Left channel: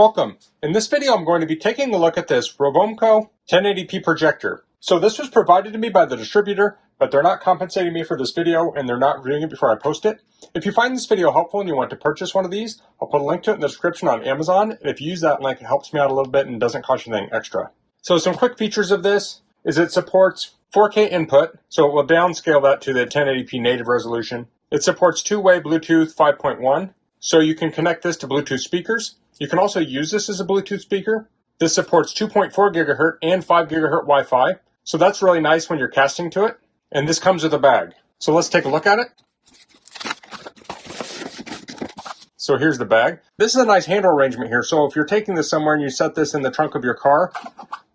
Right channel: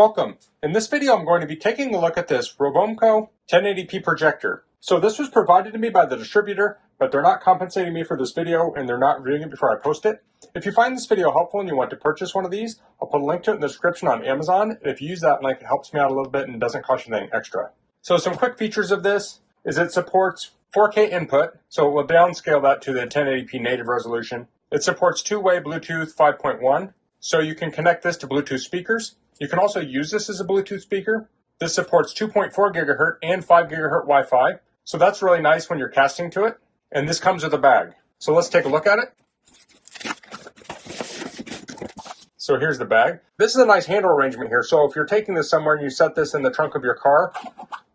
Welcome. In this video, I'm going to be taking a look at this ROVOMKO 1080p projector. So this was provided to me by the distributor, but they're not compensating me for this video and they're not reviewing it before I post it. If you find this video helpful and you want to purchase one of these, I'll put a link to it in the description on Amazon. And if you use that link, it helps me out a little bit and doesn't cost you anything extra. So some quick features of this is it supports 4K input, so it will downscale that to the 1080p native resolution. It supports two-way Bluetooth 5.1, so you can connect this to Bluetooth speakers. You can also use this as a Bluetooth speaker. This supports 2.4 gigahertz and 5 gigahertz Wi-Fi. So that's really nice when you're casting to it. And this comes with a bag. So let's take a look at it. So here's the bag. This is a nice handle arrangement here. So if you're taking this somewhere and you set this in the trunk of your car,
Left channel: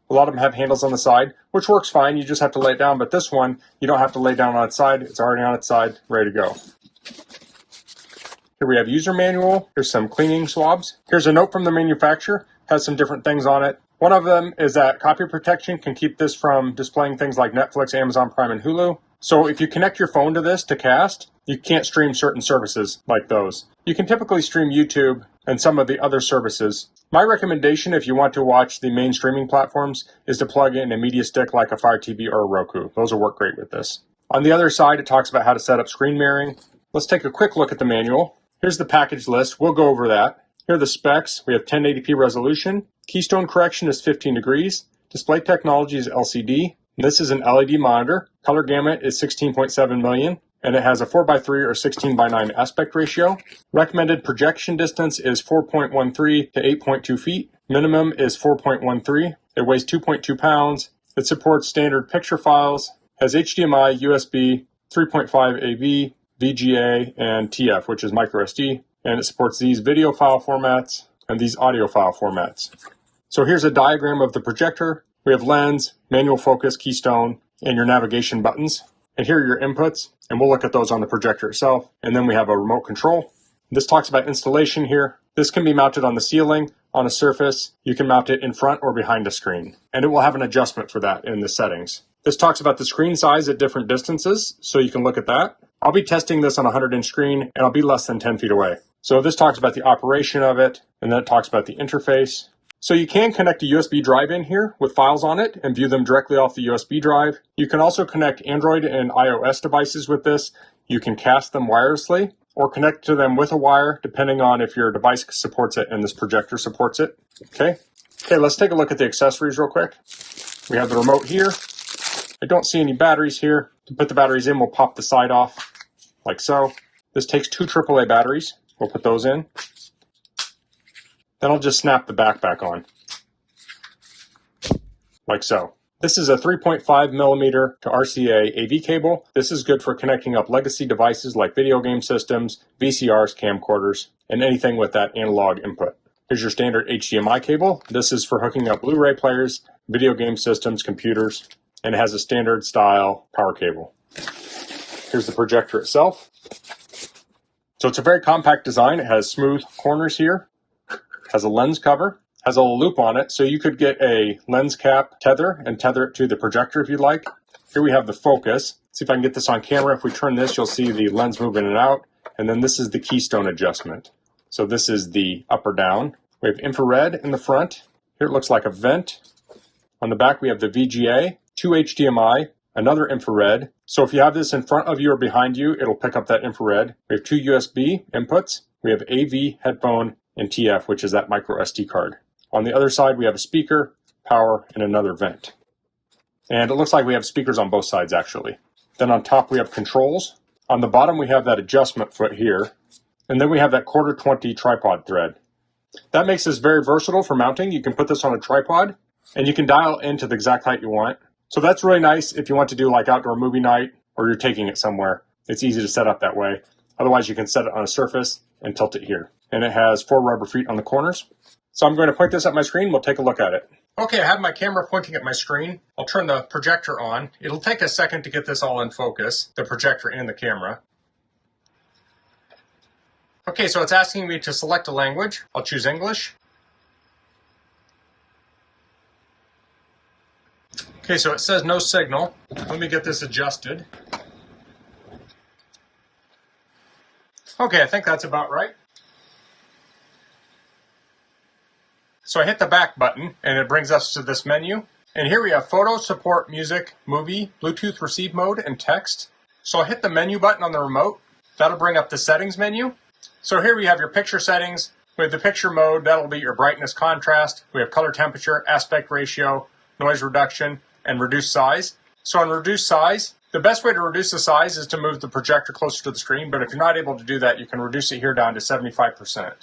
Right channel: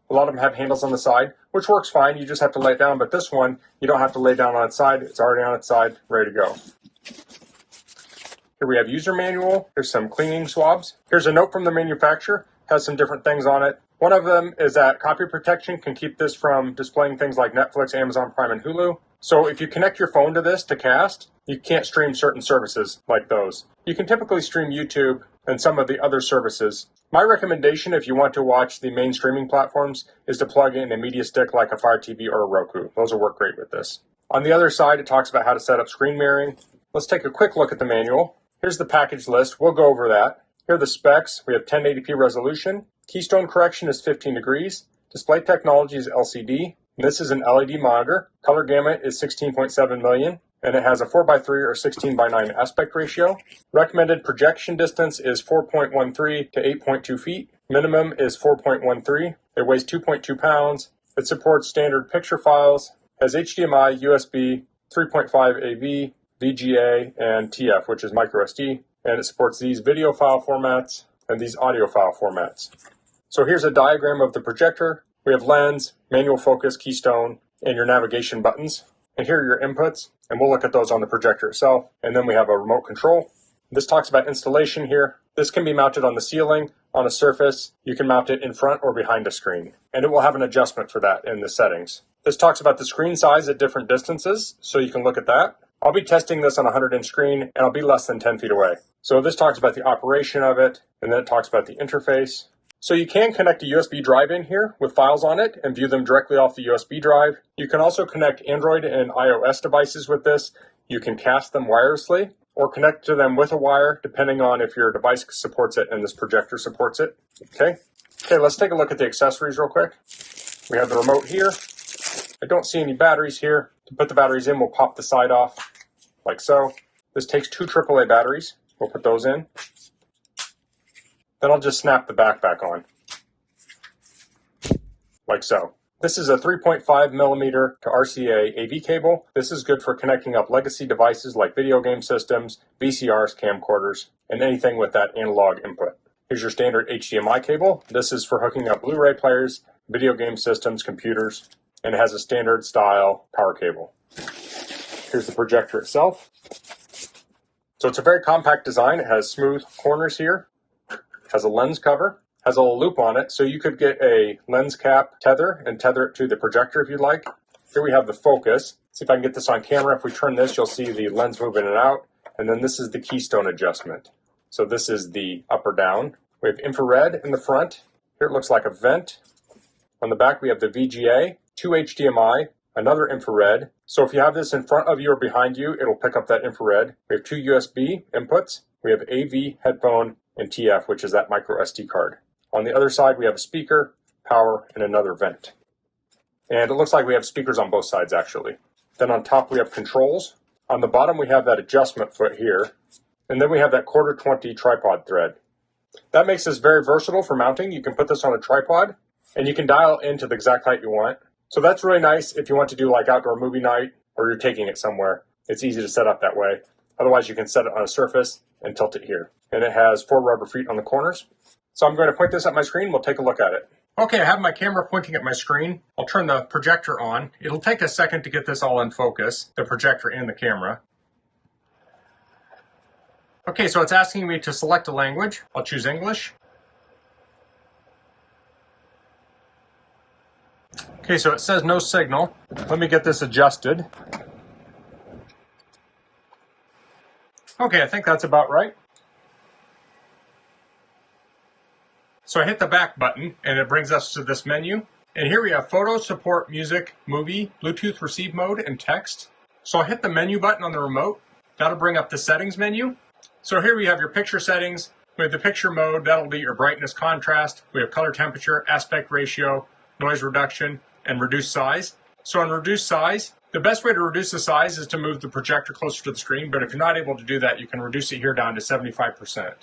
a lot of them have handles on the side, which works fine. You just have to lay it down. But this one, you don't have to lay down on its side. It's already on its side, ready to go. Here we have user manual. Here's some cleaning swabs. Here's a note from the manufacturer. Has some different things on it. One of them is that copy protection can keep this from displaying things like Netflix, Amazon Prime, and Hulu. So if you connect your phone to this to cast, you can't stream certain services like those. You can typically stream YouTube and some of the other services. My recommendation if you want to watch the main streaming platforms is to plug in a media stick like a Fire TV or a Roku. Those will work great with this. On the other side, it talks about how to set up screen mirroring. Let's take a quick look at the manual. Here's the package list. We'll go over that. Here are the specs. We have 1080p resolution. Keystone correction is 15 degrees. Display technology is LCD. This is an LED monitor. Color gamut is 16.7 million. And it has a 4:3 or 16:9 aspect ratio. Recommended projection distance is 4.13 to 8.2 feet. Minimum is 4.13. It weighs 2.2 pounds. It supports standard picture files. Has HDMI, USB, 3.5 AV, VGA, and TF, which is micro SD. And it supports these video file formats and these audio file formats. So here's a diagram of the projector. We have lens, manual focus, keystone, and your navigation buttons. And here are your inputs, and we'll look at those on the projector itself. And then we have a remote control. This talks about installation here. This can be mounted on the ceiling, on a surface. You can mount it in front or behind a screen. And it will have an adjustment for that in the settings. This talks about the screen size at different distances, so you can look at that. I'll be testing this on a 100-inch screen, and I'll be less than 10 feet away. So this talks about the operation of it, and then it talks about the interface. So you can connect a USB drive in here with files on it and view them directly off the USB drive. You can also connect Android and iOS devices with this. You can cast them wirelessly or connect to them with a wire, depending on if your device supports it and this projector supports it. Okay, let's take a look at the accessories real quick. We have the remote here. I don't see any batteries here. To put the batteries in, we'll pop the side off like so. This takes 2 AAA batteries. We'll put those in. Then I'll just snap the back on, like so. This is a 3.5 millimeter to RCA AV cable. This is good for connecting up legacy devices like video game systems, VCRs, camcorders, and anything with that analog input. Here's your standard HDMI cable. This is for hooking up Blu-ray players, video game systems, computers, and it has a standard style power cable. Here's the projector itself. So it's a very compact design. It has smooth corners here. Has a lens cover, has a little loop on it, so you could get a lens cap tether and tether it to the projector if you'd like. Here we have the focus. See if I can get this on camera. If we turn this, you'll see the lens move in and out. And then this is the keystone adjustment. So this is the up or down. We have infrared in the front. Here it looks like a vent. On the back, we have the VGA, 2 HDMI, another infrared. So if you have this in front of you or behind you, it'll pick up that infrared. We have 2 USB inputs. We have AV, headphone, and TF, which is that micro SD card. On the other side, we have a speaker, power, and another vent. And it looks like we have speakers on both sides, actually. Then on top, we have controls. On the bottom, we have that adjustment foot here. And then we have that 1/4 tripod thread. That makes this very versatile for mounting. You can put this on a tripod, and you can dial into the exact height you want. So that's really nice if you want to do like outdoor movie night, or you're taking it somewhere. It's easy to set up that way. Otherwise, you can set it on a surface and tilt it here. And it has 4 rubber feet on the corners. So I'm going to point this at my screen. We'll take a look at it. Okay, I have my camera pointing at my screen. I'll turn the projector on. It'll take a second to get this all in focus, the projector and the camera. Okay, so it's asking me to select a language. I'll choose English. Okay, so it says no signal. Let me get this adjusted. Okay, I think that's about right. So I hit the back button and it brings us to this menu. And here we have photo, support, music, movie, Bluetooth receive mode, and text. So I'll hit the menu button on the remote. That'll bring up the settings menu. So here we have your picture settings. We have the picture mode, that'll be your brightness, contrast. We have color temperature, aspect ratio, noise reduction, and reduce size. So on reduce size, the best way to reduce the size is to move the projector closer to the screen, but if you're not able to do that, you can reduce it here down to 75%.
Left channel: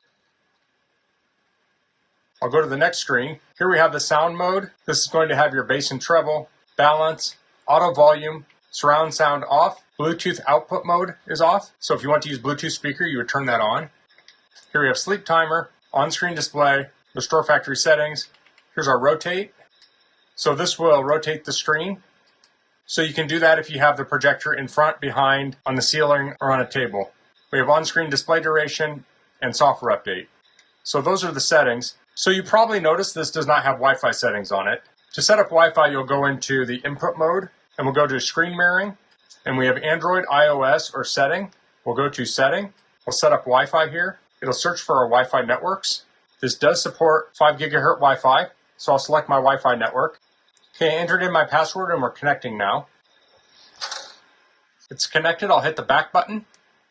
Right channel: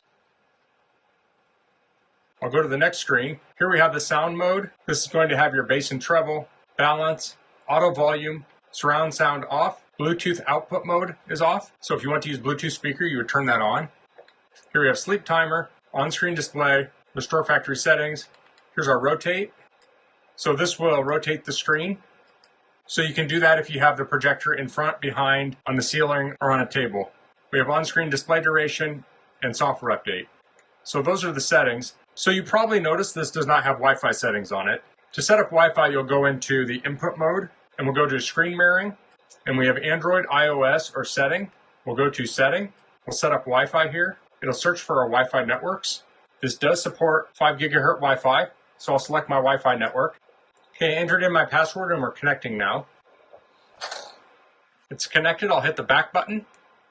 I'll go to the next screen. Here we have the sound mode. This is going to have your bass and treble, balance, auto volume, surround sound off. Bluetooth output mode is off. So if you want to use Bluetooth speaker, you would turn that on. Here we have sleep timer, on-screen display, restore factory settings. Here's our rotate. So this will rotate the screen. So you can do that if you have the projector in front, behind, on the ceiling, or on a table. We have on-screen display duration and software update. So those are the settings. So you probably noticed this does not have Wi-Fi settings on it. To set up Wi-Fi, you'll go into the input mode, and we'll go to screen mirroring. And we have Android, iOS, or setting. We'll go to setting. We'll set up Wi-Fi here. It'll search for our Wi-Fi networks. This does support 5 gigahertz Wi-Fi, so I'll select my Wi-Fi network. Okay, I entered in my password and we're connecting now. It's connected, I'll hit the back button.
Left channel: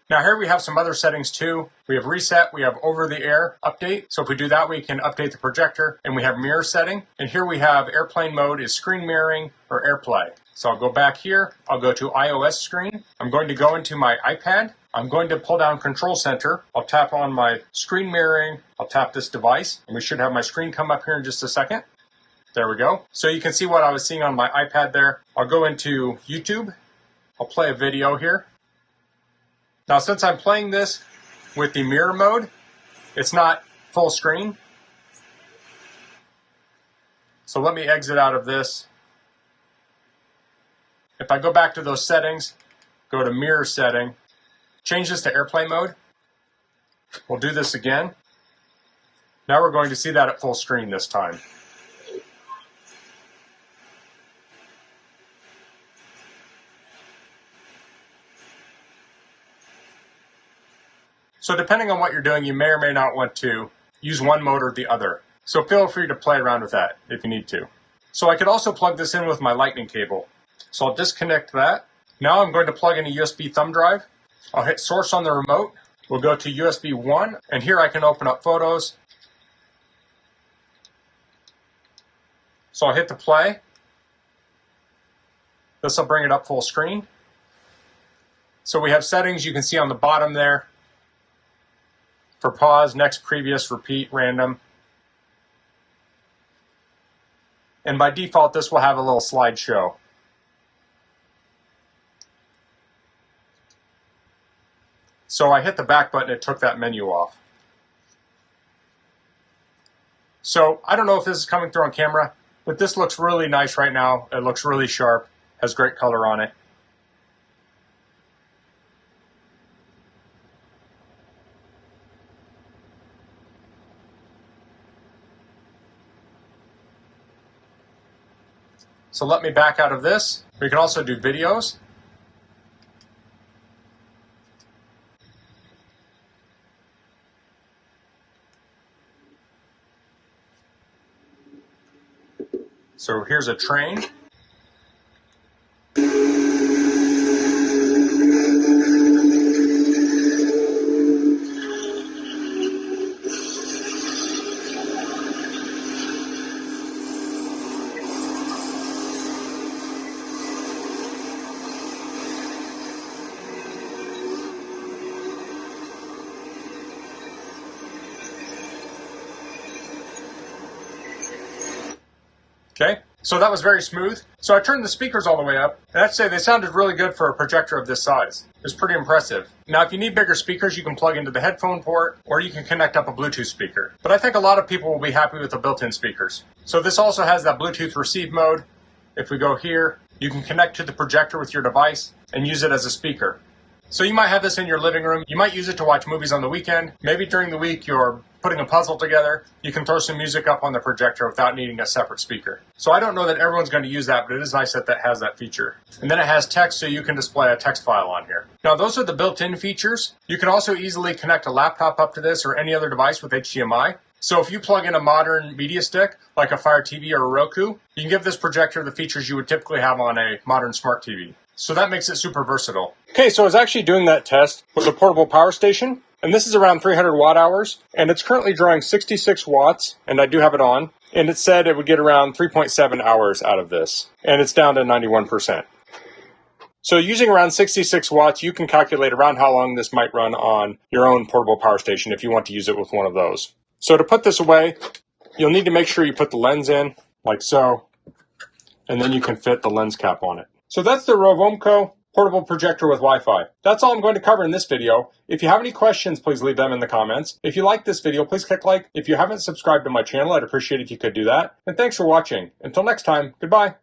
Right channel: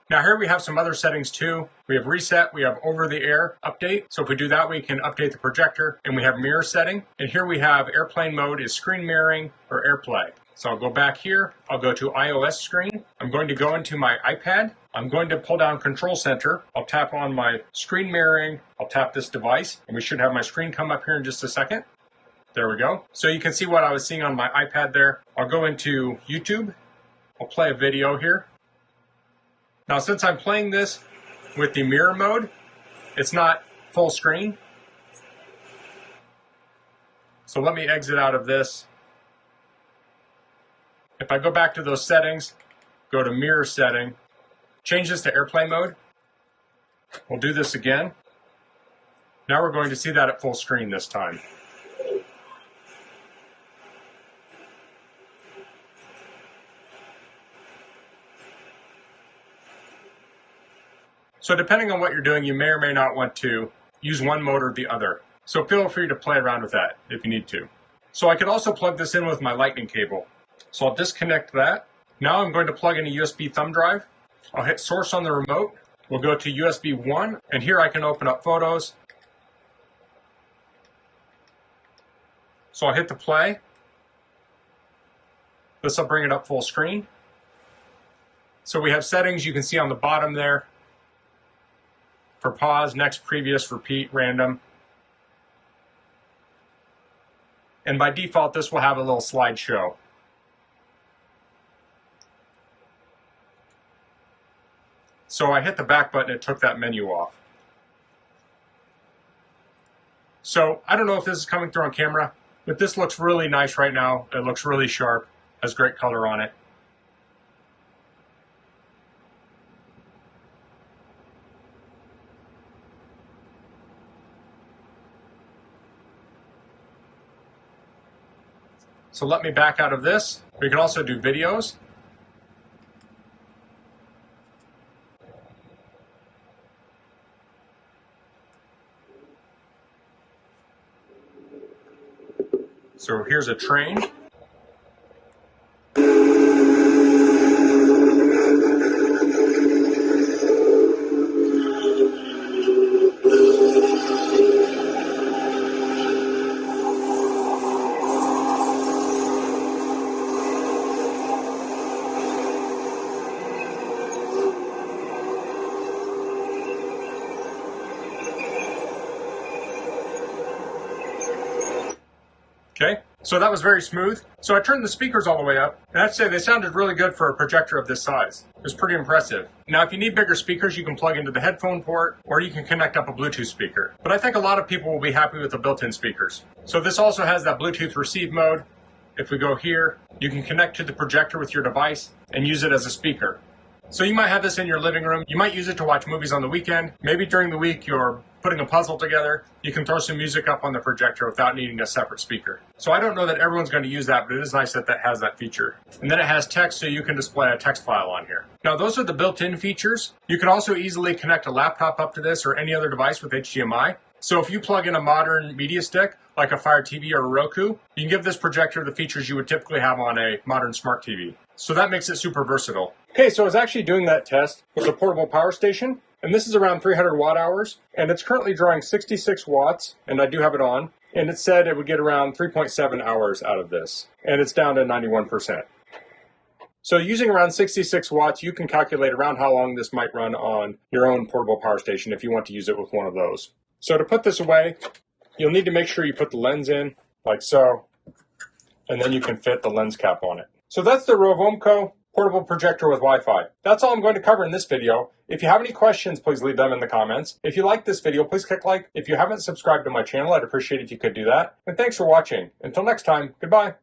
Now here we have some other settings too. We have reset, we have over-the-air update. So if we do that, we can update the projector, and we have mirror setting. And here we have airplane mode is screen mirroring or AirPlay. So I'll go back here, I'll go to iOS screen. I'm going to go into my iPad. I'm going to pull down Control Center. I'll tap on my screen mirroring. I'll tap this device, and we should have my screen come up here in just a second. There we go. So you can see what I was seeing on my iPad there. I'll go into YouTube. I'll play a video here. Now, since I'm playing this with the mirror mode, it's not full screen. So let me exit out of this. If I go back to those settings, go to mirror setting, change this to airplane mode. We'll do this again. Now we're going to see that at full screen this time. So depending on what you're doing, you may or may not want to use one mode or the other. So feel free to play around with that if you need to. So I could also plug this in with my lightning cable. So I'll disconnect that. Now I'm going to plug in a USB thumb drive. I'll hit source on the remote. We'll go to USB 1, and here I can open up photos. So I'll hit the play. This will bring it up full screen. So we have settings you can see on the bottom there. For pause, next, previous, repeat, random. And by default, this will have a little slideshow. So I hit the back button, it took that menu off. So I don't know if this is coming through on camera, but this looks really nice right now. It looks really sharp, has great color on it. So let me back out of this. We can also do videos. So here's a train. Okay, so that was very smooth. So I turned the speakers all the way up, and I'd say they sounded really good for a projector of this size. It was pretty impressive. Now, if you need bigger speakers, you can plug into the headphone port, or you can connect up a Bluetooth speaker. But I think a lot of people will be happy with the built-in speakers. So this also has that Bluetooth receive mode. If we go here, you can connect to the projector with your device and use it as a speaker. So you might have this in your living room. You might use it to watch movies on the weekend. Maybe during the week you're putting a puzzle together. You can throw some music up on the projector without needing a separate speaker. So I don't know that everyone's going to use that, but it is nice that that has that feature. And then it has text, so you can display a text file on here. Now those are the built-in features. You can also easily connect a laptop up to this or any other device with HDMI. So if you plug in a modern media stick, like a Fire TV or a Roku, you can give this projector the features you would typically have on a modern smart TV. So that makes it super versatile. Okay, so I was actually doing that test with a portable power station, and this is around 300 watt hours, and it's currently drawing 66 watts, and I do have it on, and it said it would get around 3.7 hours out of this, and it's down to 91%. So using around 66 watts, you can calculate around how long this might run on your own portable power station if you want to use it with one of those. So to put this away, you'll need to make sure you put the lens in, like so, and then you can fit the lens cap on it. So that's the ROVOMKO portable projector with Wi-Fi. That's all I'm going to cover in this video. If you have any questions, please leave them in the comments. If you like this video, please click like. If you haven't subscribed to my channel, I'd appreciate it if you could do that. And thanks for watching. Until next time, goodbye.